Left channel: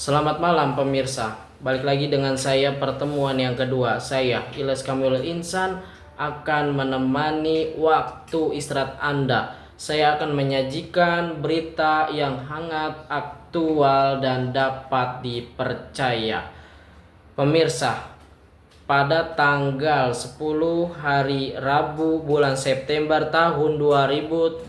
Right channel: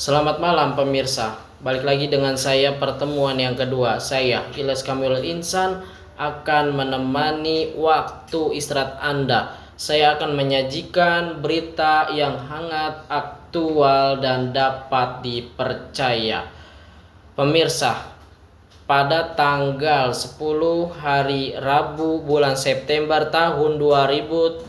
Selamat malam pemirsa. Balik lagi dengan saya pertemuan yang kedua. Saya Ilyas Kamilul Insan akan menemani waktu istirahat Anda. Saya akan menyajikan berita yang hangat, aktual dan dapat dipercaya. Pemirsa, pada tanggal 10 hari Rabu bulan September tahun 2025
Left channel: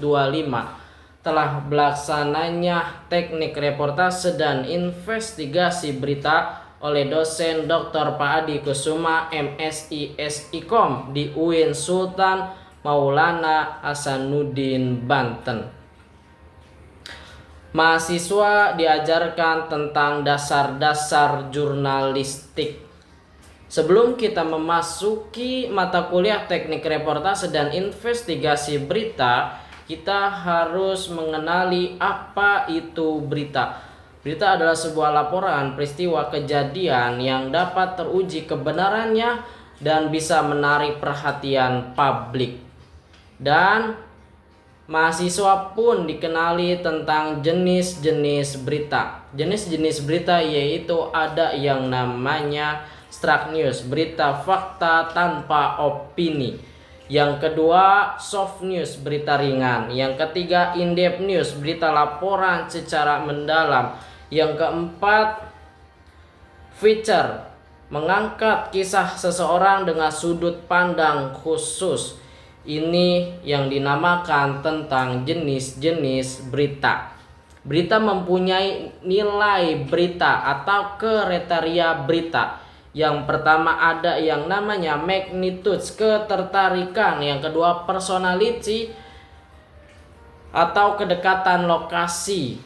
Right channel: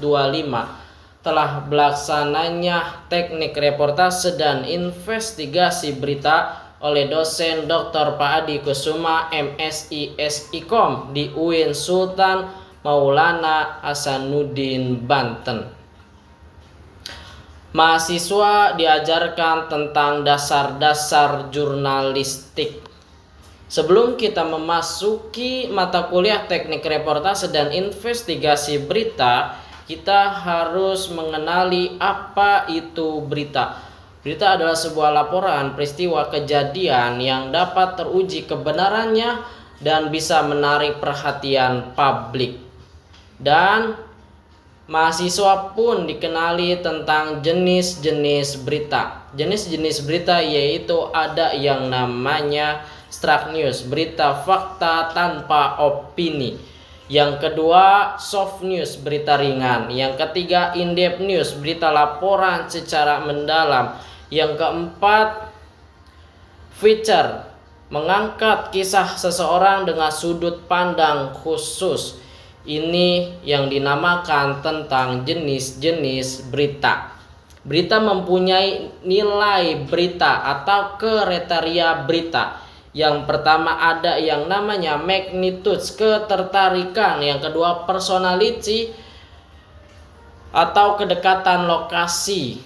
telah belaksananya teknik reportase dan investigasi berita oleh dosen Dr. Pak Adi Kusuma MSI SIKOM di UIN Sultan Maulana Hasanuddin Banten. Mahasiswa diajarkan tentang dasar-dasar jurnalistik. Sebelum kita memasuki mata kuliah teknik reportase dan investigasi berita, kita harus mengenali apa itu berita. Berita adalah sebuah laporan peristiwa kejadian yang dapat teruji kebenarannya dan bisa menarik perhatian publik. Dan mahasiswa pun dikenali tentang jenis-jenis berita. Jenis-jenis berita yaitu ada yang namanya struct news, berita fakta tanpa opini. Yang kedua, soft news, berita ringan. Yang ketiga, in-depth news, berita laporan secara mendalam. Yang keempat, feature, mengangkat kisah seseorang dengan sudut pandang khusus. Ini yang dinamakan tentang jenis-jenis berita. Berita mempunyai nilai berita atau kriteria berita. Yang pertama ada yang namanya magnitude, ketertarikan. Yang kedua personality atau kedekatan lokasi,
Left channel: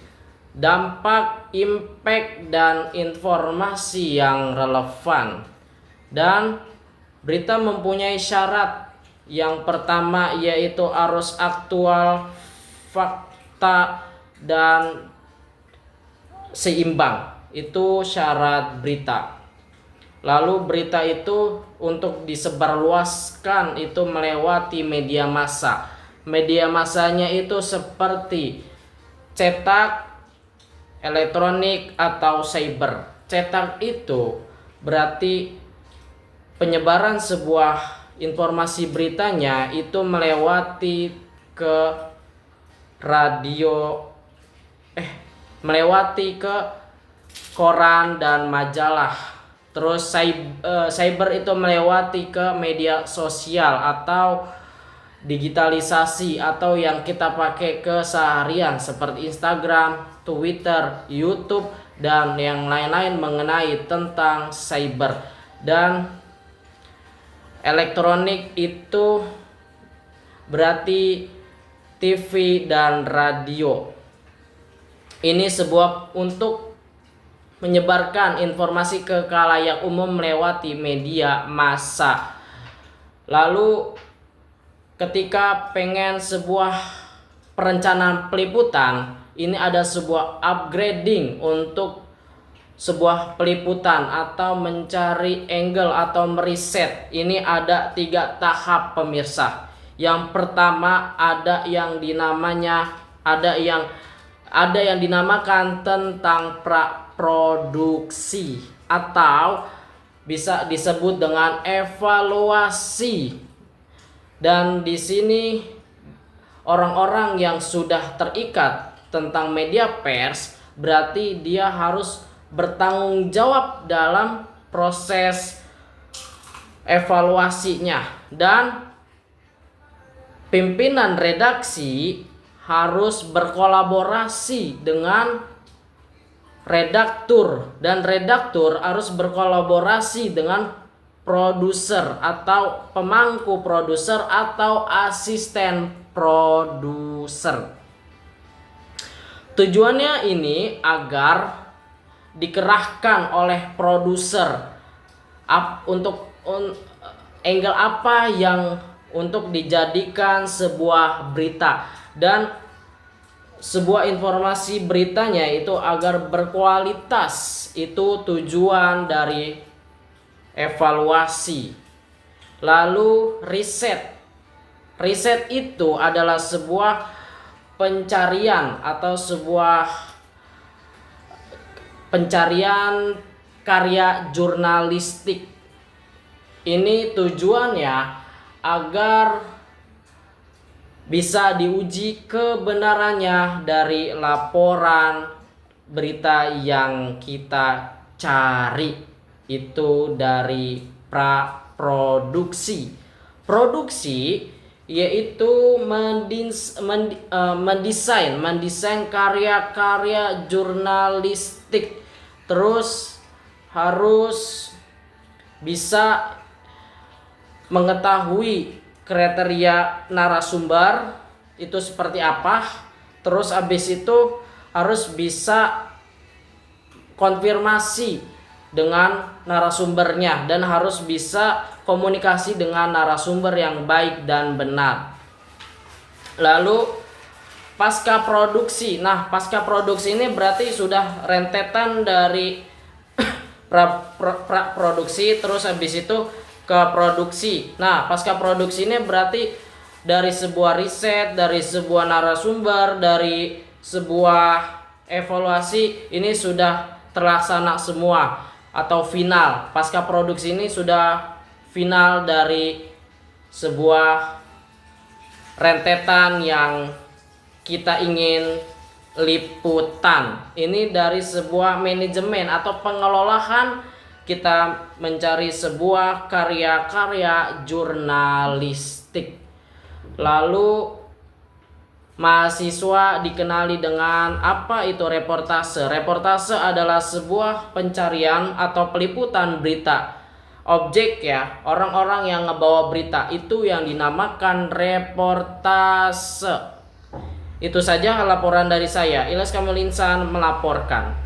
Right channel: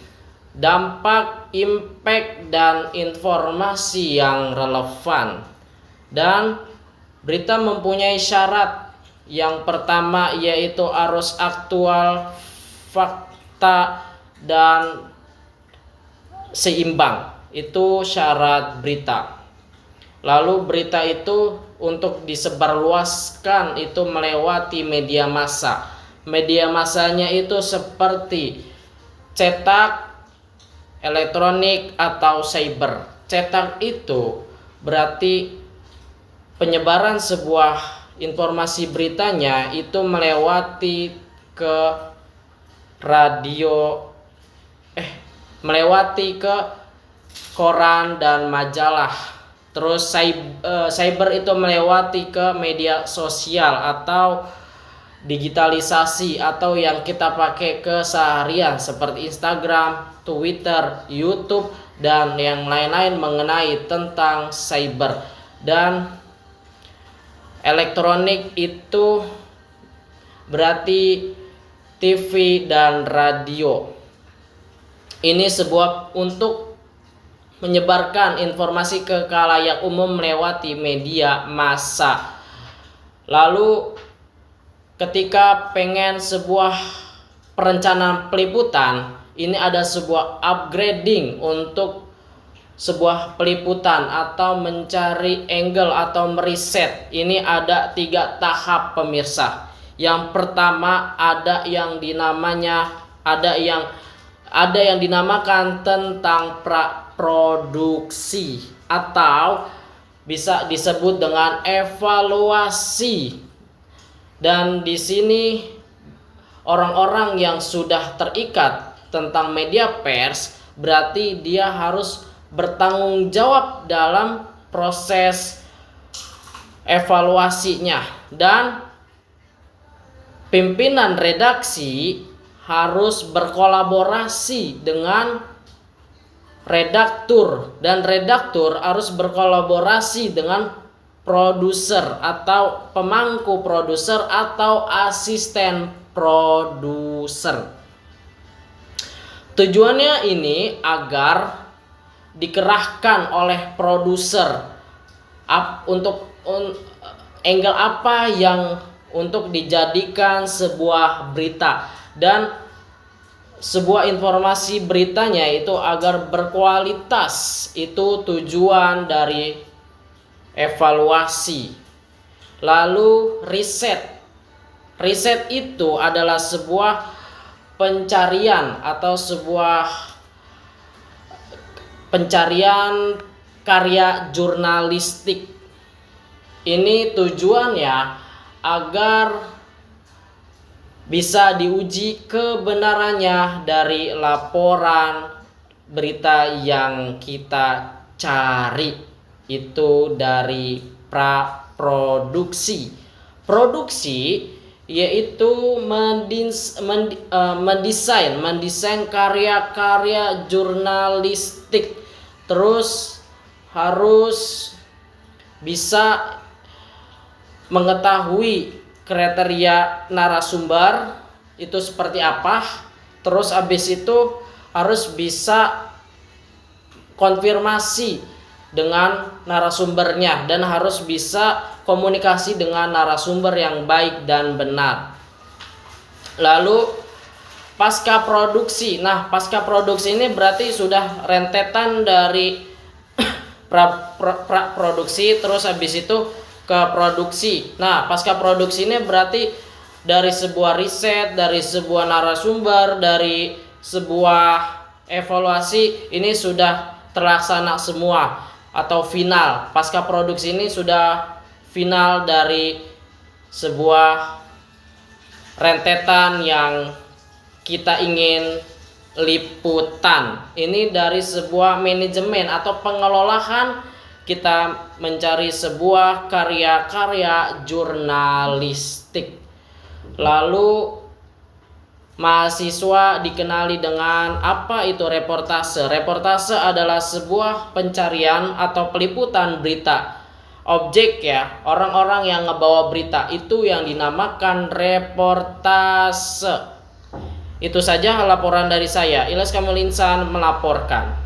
dampak, impact, dan informasi yang relevan. Dan berita mempunyai syarat. Yang pertama yaitu harus aktual, fakta, dan seimbang. Itu syarat berita. Lalu berita itu untuk disebarluaskan itu melewati media massa. Media massanya itu seperti cetak, elektronik, atau cyber. Cetak itu berarti penyebaran sebuah informasi beritanya itu melewati ke radio, melewati ke koran dan majalah. Terus cyber itu melewati ke media sosial atau digitalisasi atau yang kita pakai keseharian seperti Instagram, Twitter, YouTube, dan yang lain-lain mengenai tentang cyber. Dan elektronik itu berarti TV dan radio. Ini sebuah untuk menyebarkan informasi ke khalayak umum melewati media massa. Lalu ketika pengen sebuah perencanaan peliputan, ini ada sebuah upgrading untuk sebuah peliputan atau mencari angle atau meriset. Ini ada 3 tahap pemirsa. Yang pertama ada yang dinamakan tentang produksi atau bisa disebut dengan evaluasi. Dan di sini orang-orang yang sudah terikat tentang media pers berarti dia harus bertanggung jawab dalam proses evaluasinya, dan pimpinan redaksi harus berkolaborasi dengan redaktur, dan redaktur harus berkolaborasi dengan produser atau pemangku produser atau asisten produser. Tujuannya ini agar dikerahkan oleh produser untuk angle apa yang untuk dijadikan sebuah berita, dan sebuah informasi beritanya itu agar berkualitas. Itu tujuan dari evaluasi. Lalu riset. Riset itu adalah sebuah pencarian atau sebuah pencarian karya jurnalistik. Ini tujuannya agar bisa diuji kebenarannya dari laporan berita yang kita cari. Itu dari praproduksi. Produksi yaitu mendesain karya-karya jurnalistik. Terus harus bisa mengetahui kriteria narasumber itu seperti apa. Terus habis itu harus bisa konfirmasi dengan narasumbernya dan harus bisa komunikasi dengan narasumber yang baik dan benar. Lalu pasca produksi. Nah, pasca produksi ini berarti sudah rentetan dari produksi terus habis itu ke produksi. Nah, pasca produksi ini berarti dari sebuah riset, dari sebuah narasumber, dari sebuah evaluasi ini sudah terlaksana semua atau final. Pasca produksi ini sudah final dari sebuah rentetan yang kita ingin liputan. Ini dari sebuah manajemen atau pengelolaan kita mencari sebuah karya-karya jurnalistik. Lalu mahasiswa dikenali dengan apa itu reportase. Reportase adalah sebuah pencarian atau peliputan berita. Objek ya, orang-orang yang ngebawa berita itu yang dinamakan reportase. Itu saja laporan dari saya. Ilyas Kamil Insan melaporkan.